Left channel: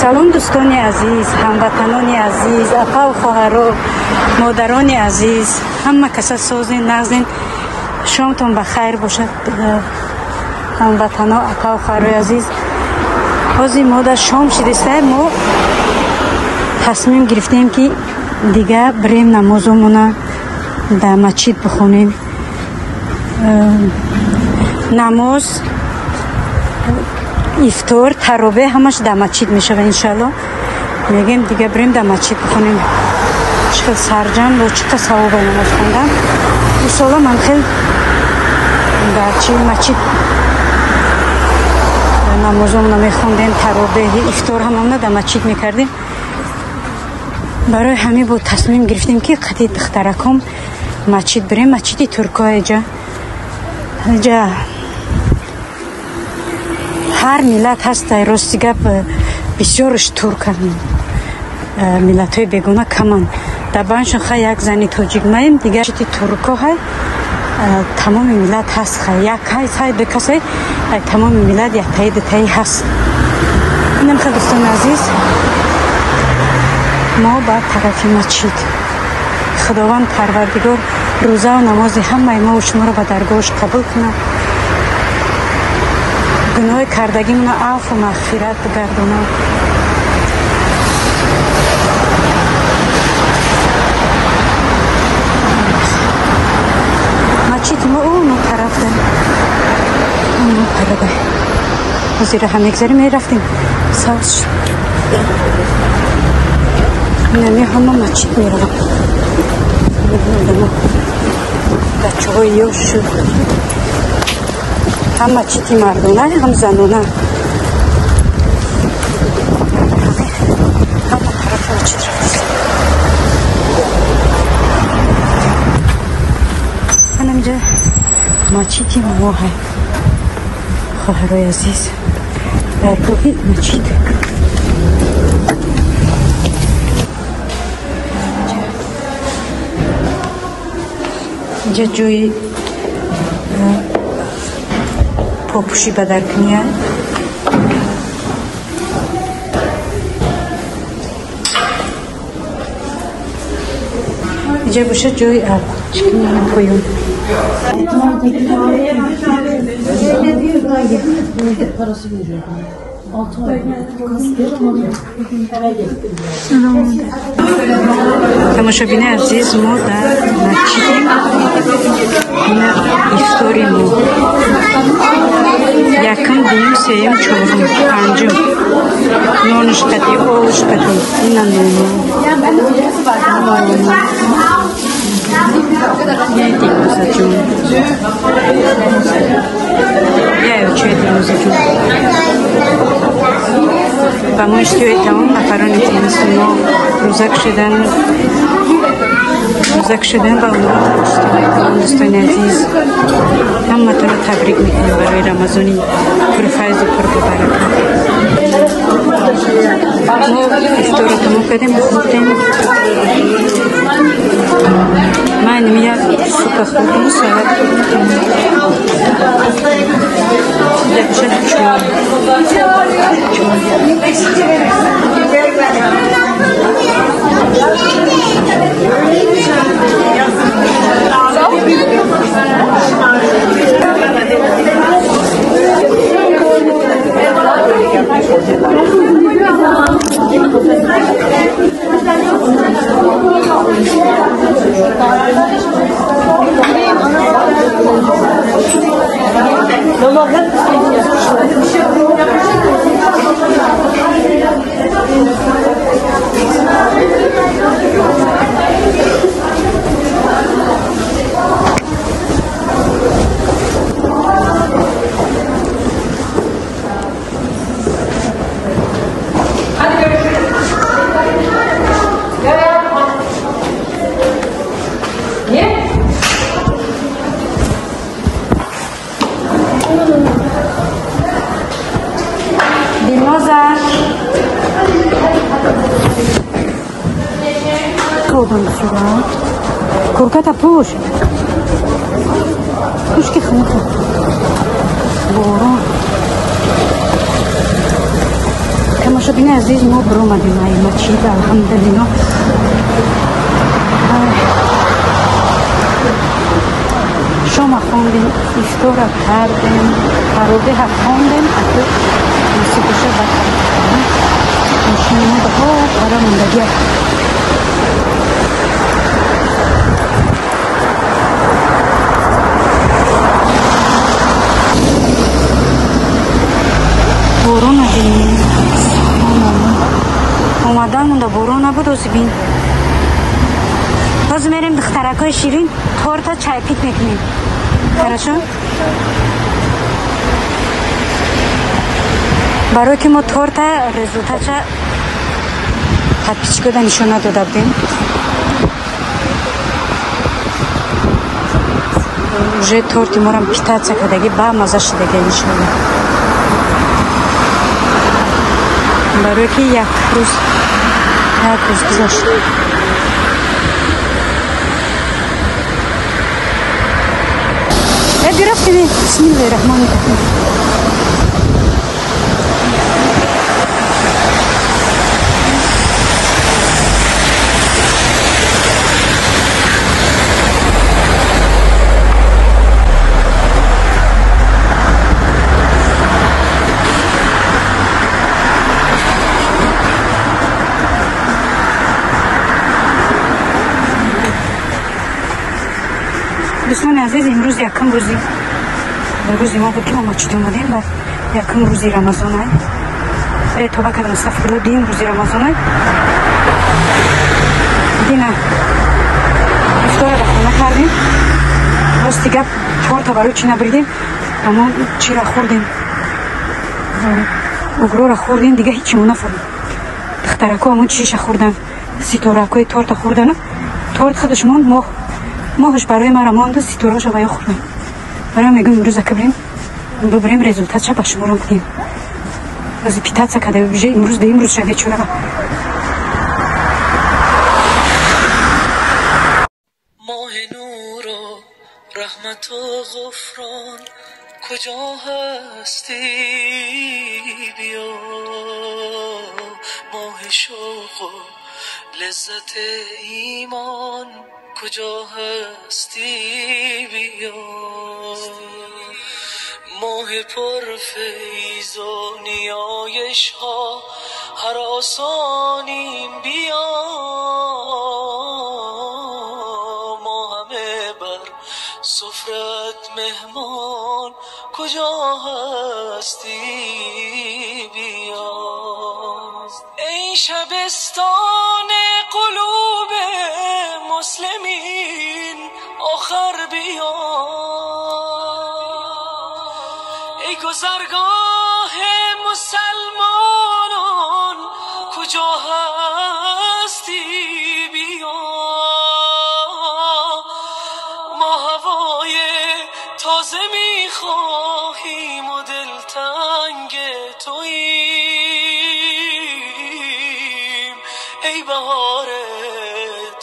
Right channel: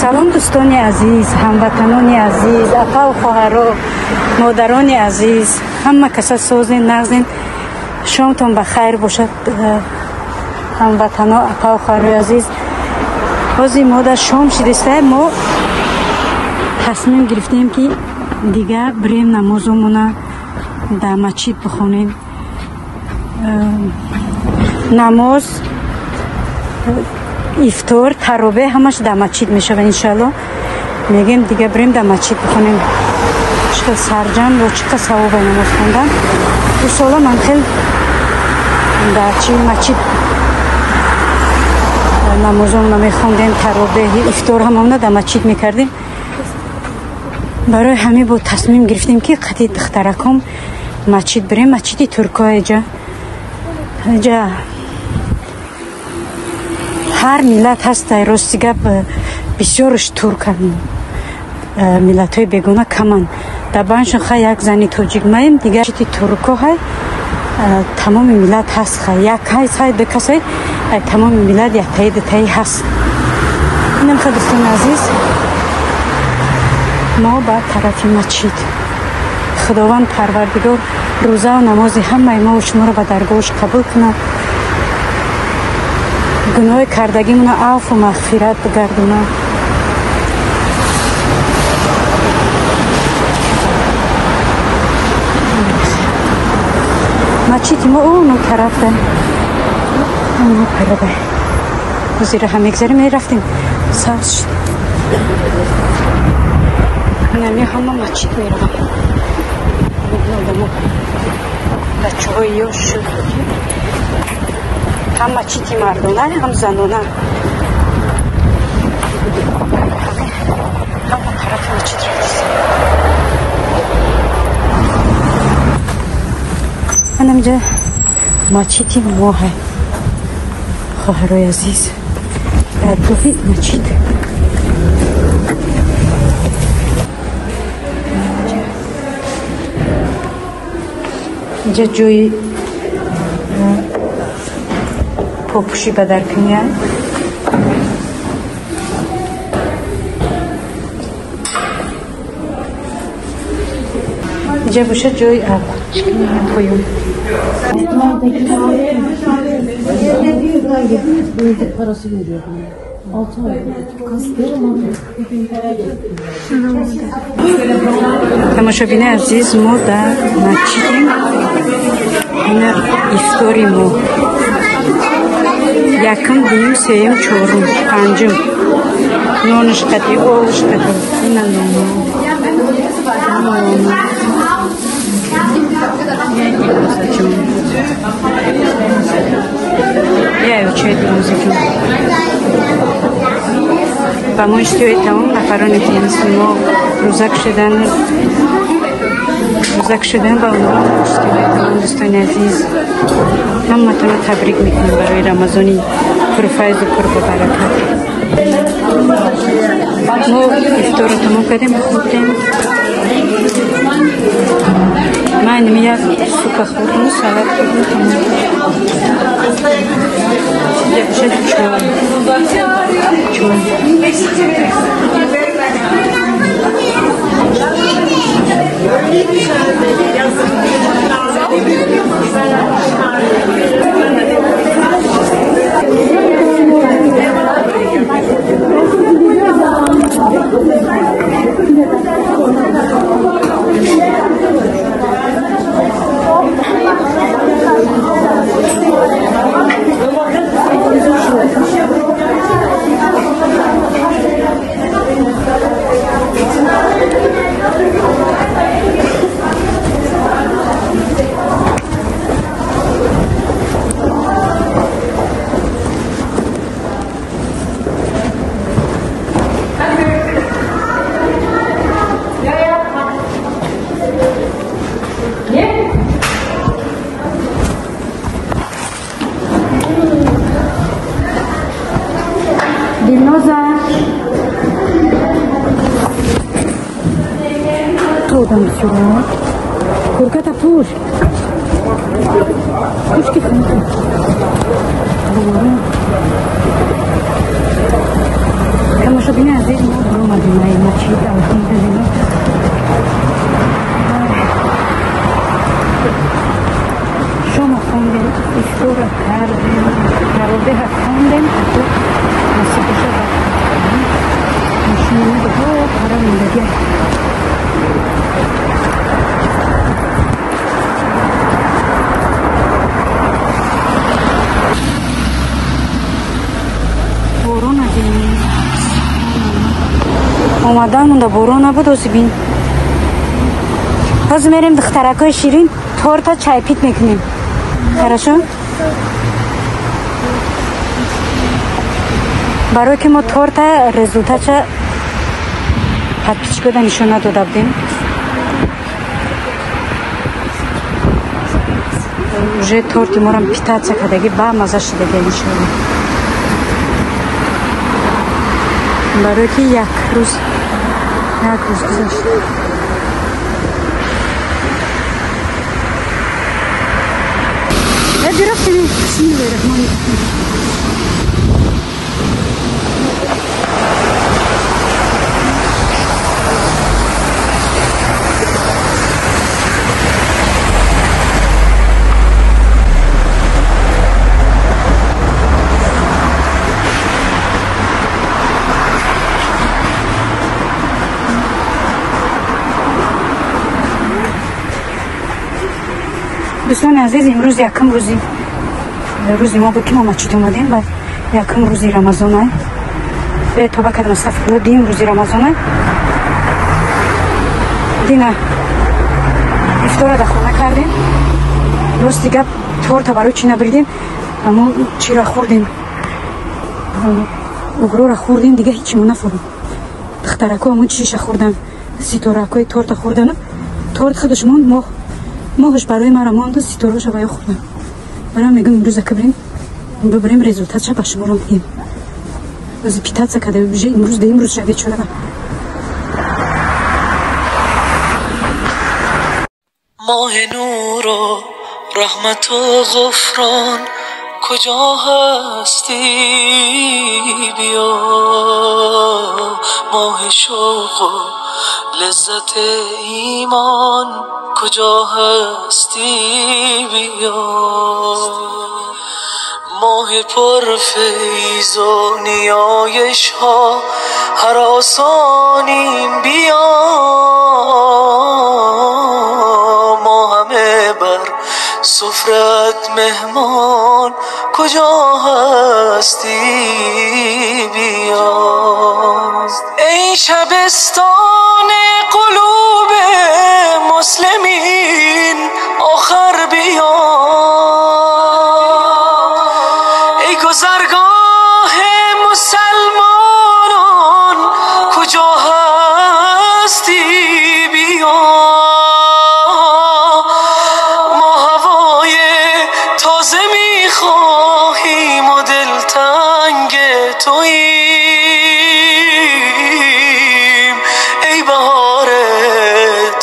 سلام دوستان عزیز، هموطنان عزیز، آقا و خواهران، مادران عزیز، همه کسا سازین نغزین، شامتون بخیر باشد. هموطنان آقا و خواهران عزیز، حاضی ما در شام شدیسته، ما تصمیم گرفتیم که دیگه بریم نمازمون در مسجد بخونیم. نماز، افطار، تراویح همش در مسجد میشه و انشالله میگیم دیگه بریم در مسجد بخونیم. چقدر سرجم و چقدر ثواب نماز خوندن. او سالا من خیلی در چی مسجد نمازمون میخوندیم، تراویح، افطار هممون در مسجد میکردیم. برای همین بود تصمیم گرفتیم که قطعی دخترکم مسجد بریم. مسجد ترکای جا هر ملت هست، راستی گپ بسیارش ترک ملت های بگونه کمان در بانشون خیلی یک زنی توجیگ مایم دیگه چیتی ترکا های تمام ملت هست. خیلی یک های بکسای تمام ملت یک تایی هست. اینم خیلی دوستان عزیز، ما با طرف مسجد خداوند پروردگار روزه و نماز همه ما و شما رو به درگاهش قبول کنه، گناه کردگی منو عفو و مغفرت بگردونه. مسجد ما اونو طرف دن اونو پرده وزیر هم اگذاری می رفتیم ساش نمی همه مسجد می رفتیم میبینم بچه های یوشو هم مسجد مردونه هم زنونه همه طرف مسجد من اینجا مسجد ما های خواهرای عزیز توفید مسجد اینجا جوی پاپوشی بدر کنیه. اینجا باشه جوی آب خوییم. تماشابین عزیز، ما در مسجدیم. این افطاری ما یکم، دوم، سوم، چهارم، پنجم نانش قطعی، آبش قطعی. این نانو یه دیگوزه جون، یه چه دیگوزه جون و ما اشتیای تمام نفرانی که ما روزک شدن با اون اشتیای تمام دوستان عزیز همه تون تبریک میکنیم برای رمضانی پرفیض و پربرکت. ما افطار رو تمام کردیم، بخوردیم. من یک سوپ خوردم و سلات خوردم تمام. اینجا بشه چای Şurada. Korkata push. Push ki fınık. Doğru. Тамошобини азиз, мо биромадем ай масҷид, алҳамдулиллоҳ. Шома хондем, ифтора кардем, таробеҳа хондем, ако насибоша бахондем. Мошинамадҳо пара мондагия. борон адем. омадан монда борон набуд, ози бин. ҳозир мерем духтаракҳои ширин торта чайпит мекунем. Хорошо? барое ки мо торта результатша подпискода нишона дода будем. уже торти морам питаться кардаги ба маза шидаги иншаллоҳ. барое ки як рӯз гузашт. рафтем. бисмиллаҳи роҳмони роҳим. дӯстони азиз, имрӯз якум рӯзи мо буд ки мо масҷид омадем ва якум рӯзи рамазон ай тоба кардам сафарло дуюм рӯзи рамазон ай дина исторода хона кардем. рости гап торта барои чӣ набридем, аммо чиро хӯрдем, угрора хӯрдем, дига ҳечимо нафаҳмидем. духтарако аммо чиша хӯрдан, ситоракҳои торта хӯрдану торт худаш монд, моҳаш барои мара монду, ситораша ба ё хӯрдам. барои мегӯм имрӯза ки бибирем результатша ба шуморам кунем. аз питаться карда уже имрӯз да имрӯз ша вечора. ماه نور و رحمت و غفران کجا هستی بیا، ماه شوق و لذت ایمان کجا هستی بیا، ماه پر فیض و نیایش ها هراسانیم بیا، ما همه بر سفرت مهمان کجا هستی بیا، ای شبستان قلوب مسلمین آخر بیا، ای گذرگاه مسلمانان کجا هستی بیا، ما هوای تازه میخواهیم و دلتنگ توییم، ای بهار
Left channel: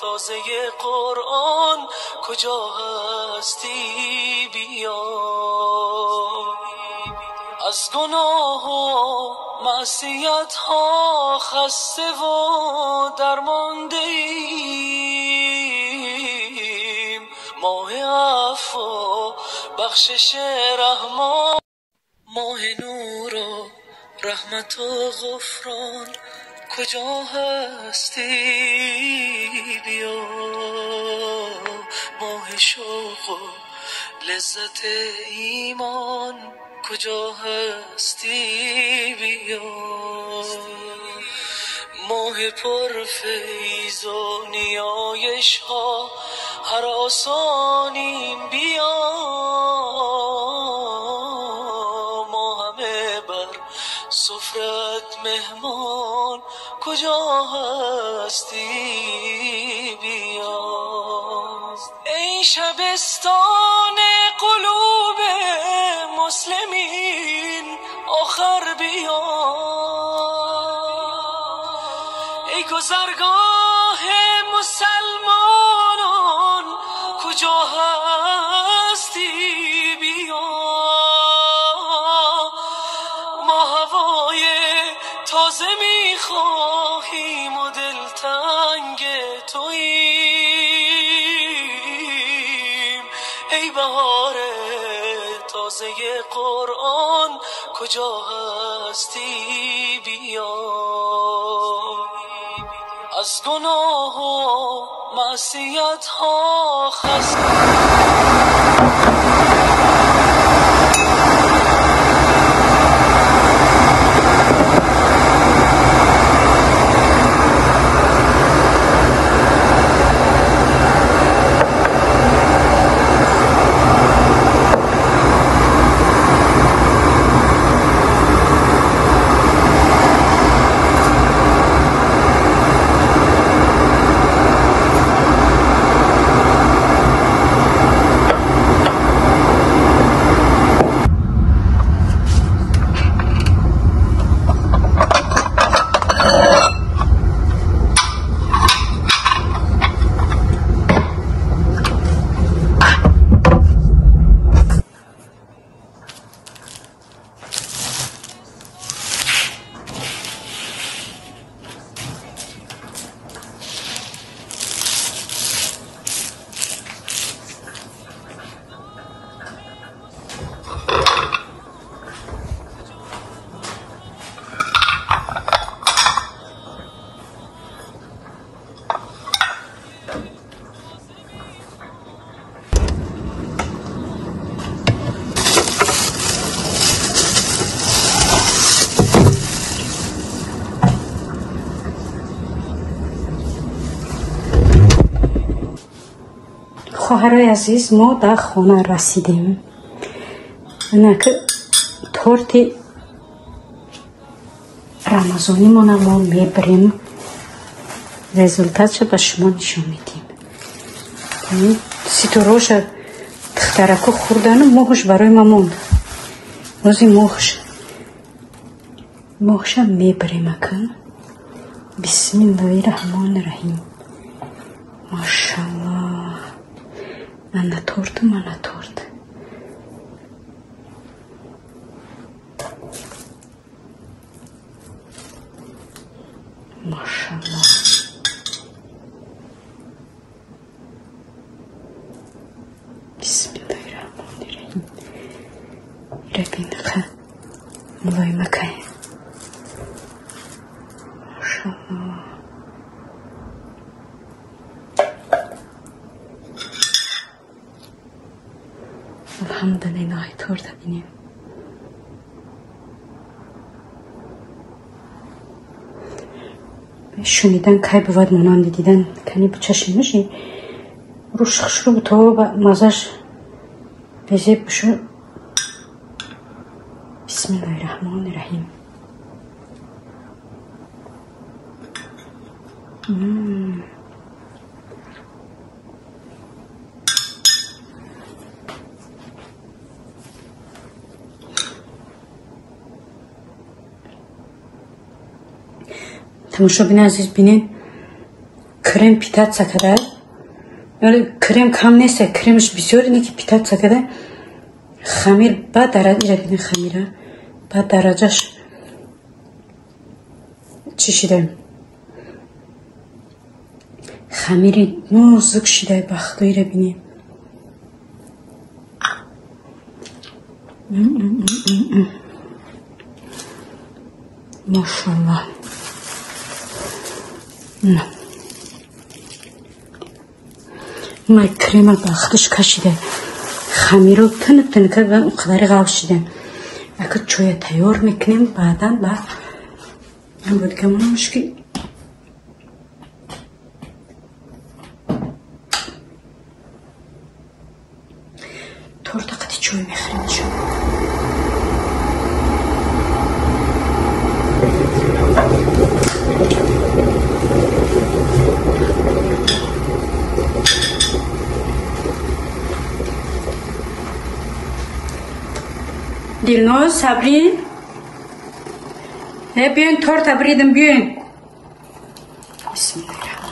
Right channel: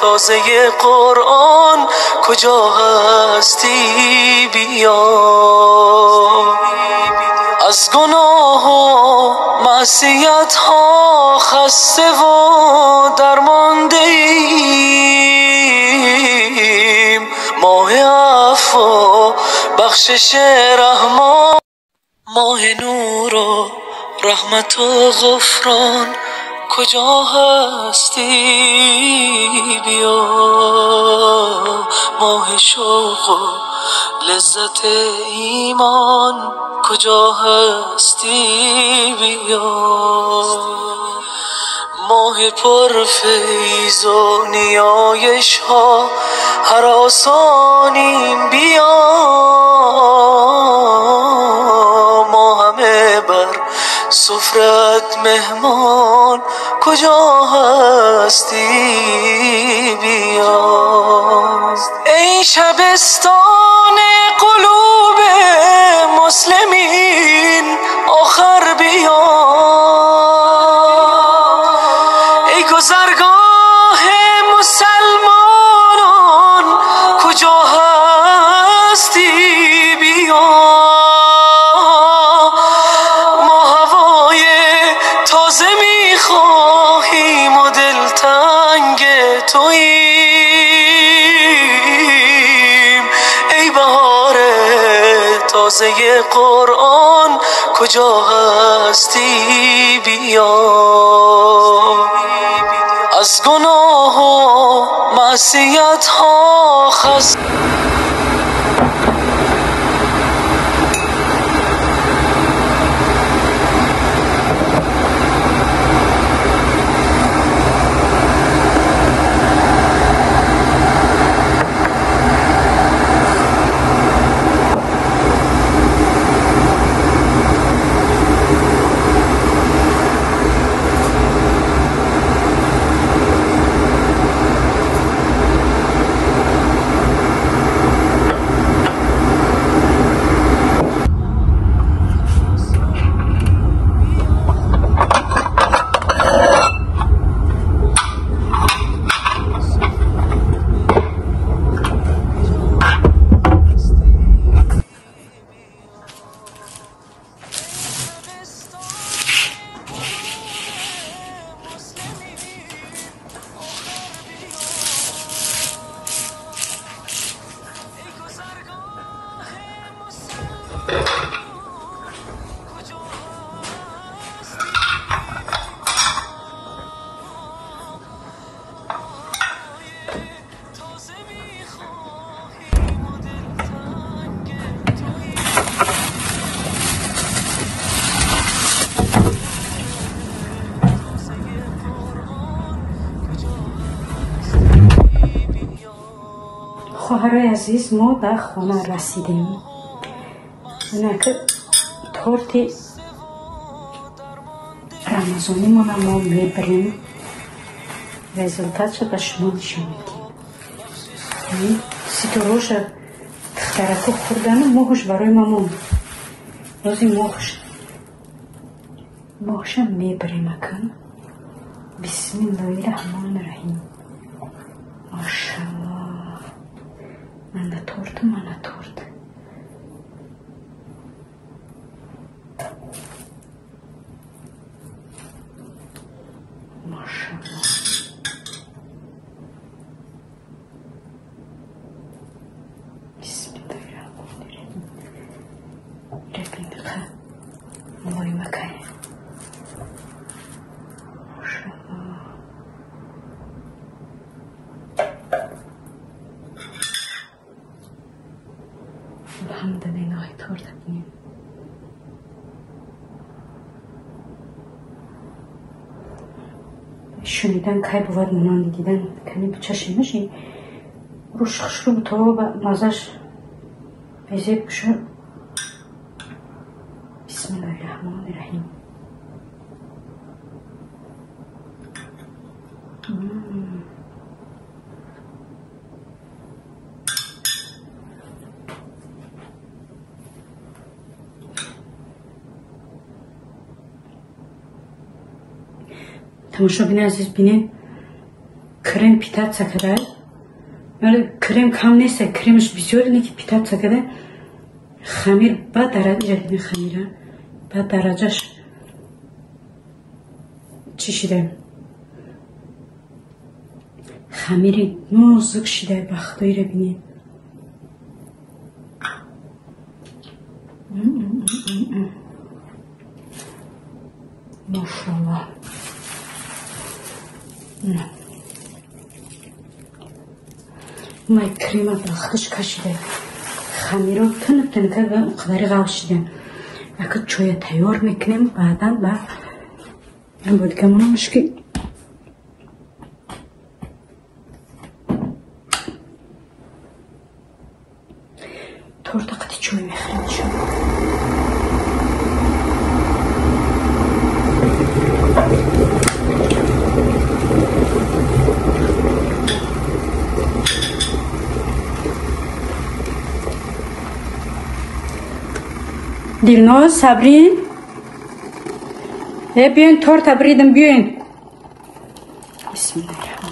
تازه قرآن کجا هستی بیا، از گناه و معصیت ها خسته و درمانده ایم، ماه عفو و بخشش رحمان، ماه نور و رحمت و غفران کجا هستی بیا، ماه شوق و لذت ایمان کجا هستی بیا، ماه پر فیض و نیایش ها هراسانیم بیا، ما همه بر سفرت مهمان کجا هستی بیا، ای شبستان قلوب مسلمین آخر بیا، ای گذرگاه مسلمانان کجا هستی بیا، ما هوای تازه میخواهیم و دلتنگ توییم ای بهار تازه قرآن کجا هستی بیا از گناه و معصیت ها خست خواهرای عزیز ما در خانه رسیدیم. اینک تورت رمضانی ما میبریم، رزولتاتش به شما نشون میدیم. سیتوراش تخترکو خوردن و ماهش برای ما موند. روزی ماهش میبریم اکن. بسم الله الرحمن الرحیم. ماشاءالله. Mana torta. Maşallah. Bismillahirrahmanirrahim. Rabbina kha. Mulay makay. Maşallah. Alhamdulillah torta benim. شنیدن که بود مانند دیدن کنی به چشم میشی روش خشرو تو با مزش بزیب بشو. بسم الله الرحمن الرحیم. تماشا بین عزیز بینیم کرم پیتات سکره ولی کرم کم نیست، کرمش بسیار اینه که پیتات سکره خمیر با درجه بینه خمیره با درجهش چی شده خمیری نوزک شده بختوی رو بینیم. ماشاءالله. نه ما کرم باختش کشیده خمیر رو تنک و اون قدر غلط شده. اگه چوی تیار میکنیم بعدا با این بود که منو مشکل تورتا قدی چوی میخریم شد. Dilnoz, Sabrin. بیاین تورت بریدم بیاین. بسم الله الرحمن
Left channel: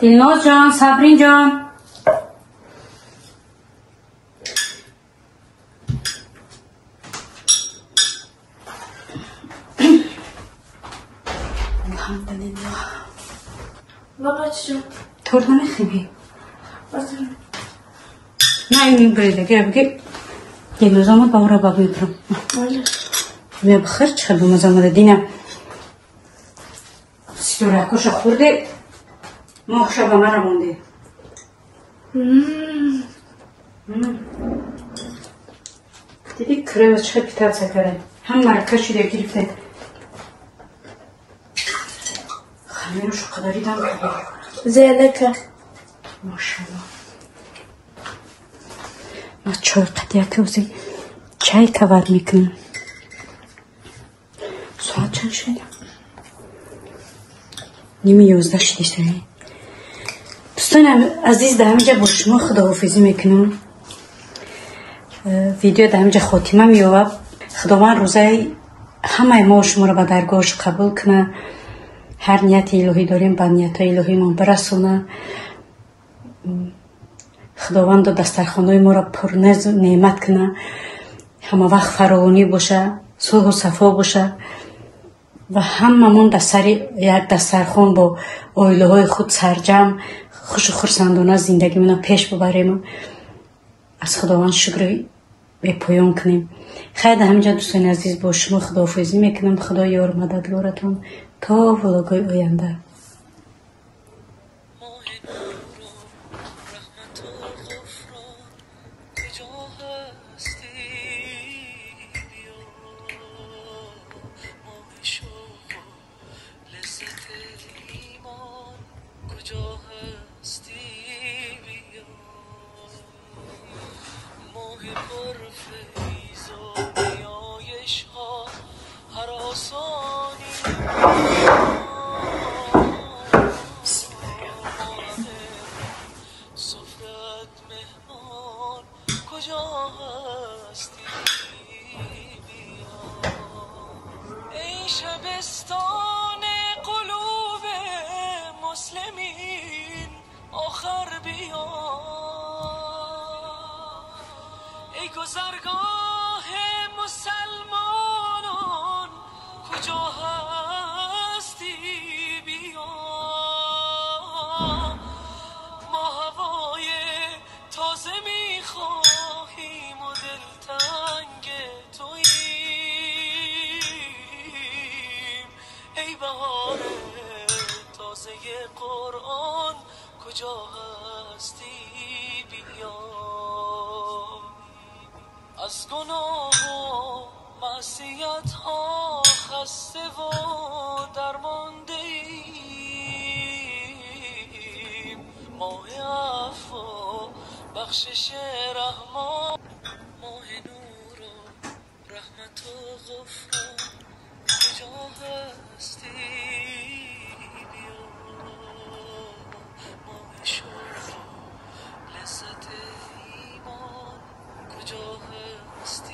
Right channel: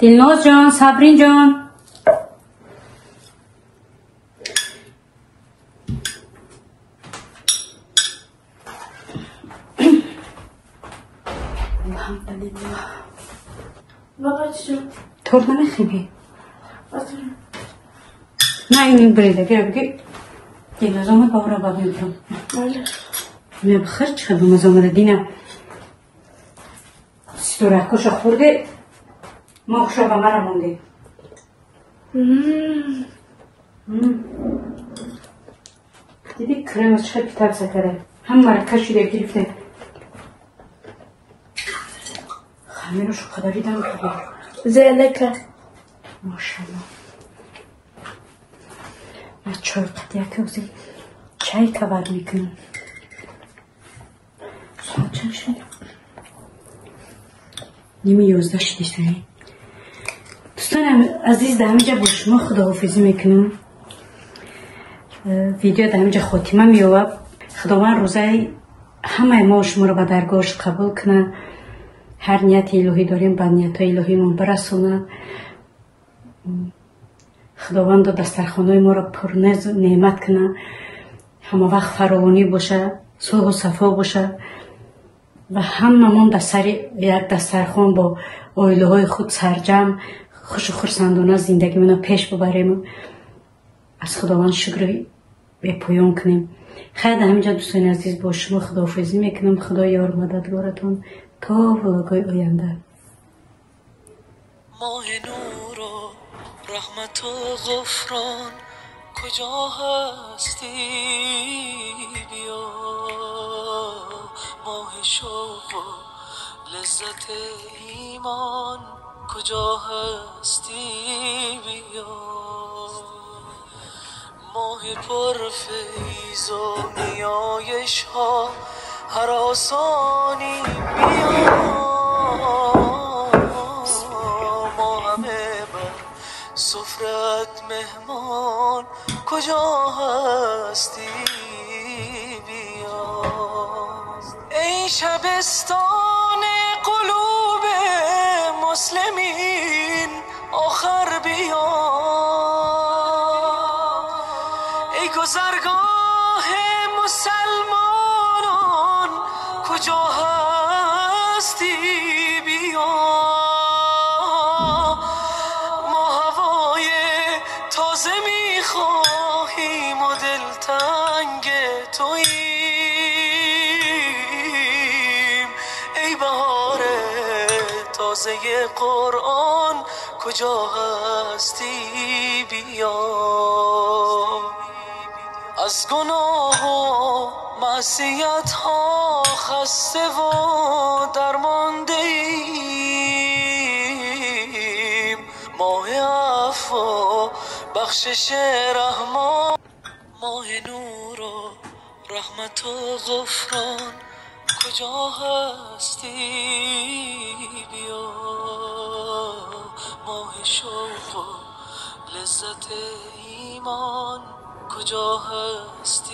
Dilnoz جان صبرین جان الحمدلله بابا چی ترد نمیخوایی نه این بریده گره دیگه زمان باورا بابی برم می بخیر چلو مزامه دینه ستوره خوش خورده مخشه با من مونده دیدی کریوز چه پیتر سکره هم مرکه شده گرفته خمیرو شو قداری دام کبیر زیاده که ماشالله ما چای قدیه که وزی چای کبر میکنم ساعت چند شده؟ نیمه 11 شدیشته دوستان عزیز در همینجا با شما خداحافظی میکنم ویدیو در همینجا خاتمه میوه خداوند روزه همه ما شما را به درگاهش قبول کنه هر نیت الهی داریم به نیت الهی ما برسونه خداوند دسترخوان‌های ما را پر نعمت کنه همه وقت فراوانی باشه صلح و صفا باشه و هممون در سر یک دسترخوان با عائله های خود سرجم خوش و خرسندانه زندگیمون پیش ببریم از خداوند شکر به پایان کنیم خیلی همینجا دوستان عزیز با شما خداحافظی میکنم خدا یار مددگارتون تا ولاگای آینده ماه نور و رحمت و غفران کجا هستی بیا ماه شوق و لذت ایمان کجا هستی بیا ماه پر فیض و نیایش ها هر آسانی بیا ما همه با سفرت مهمان کجا هستی بیا ای شبستان قلوب مسلمین آخر بیا ای گذرگاه مسلمانان کجا هستی بیا ما هوای تازه میخواهیم و دلتنگ توییم ای بهار تازه قرآن کجا هستی بیا از گناه و معصیت ها خسته و درمانده ایم ماه عفو و بخشش رحمان ماه نور و رحمت و غفران کجا هستی بیا ماه شوق و لذت ایمان کجا هستی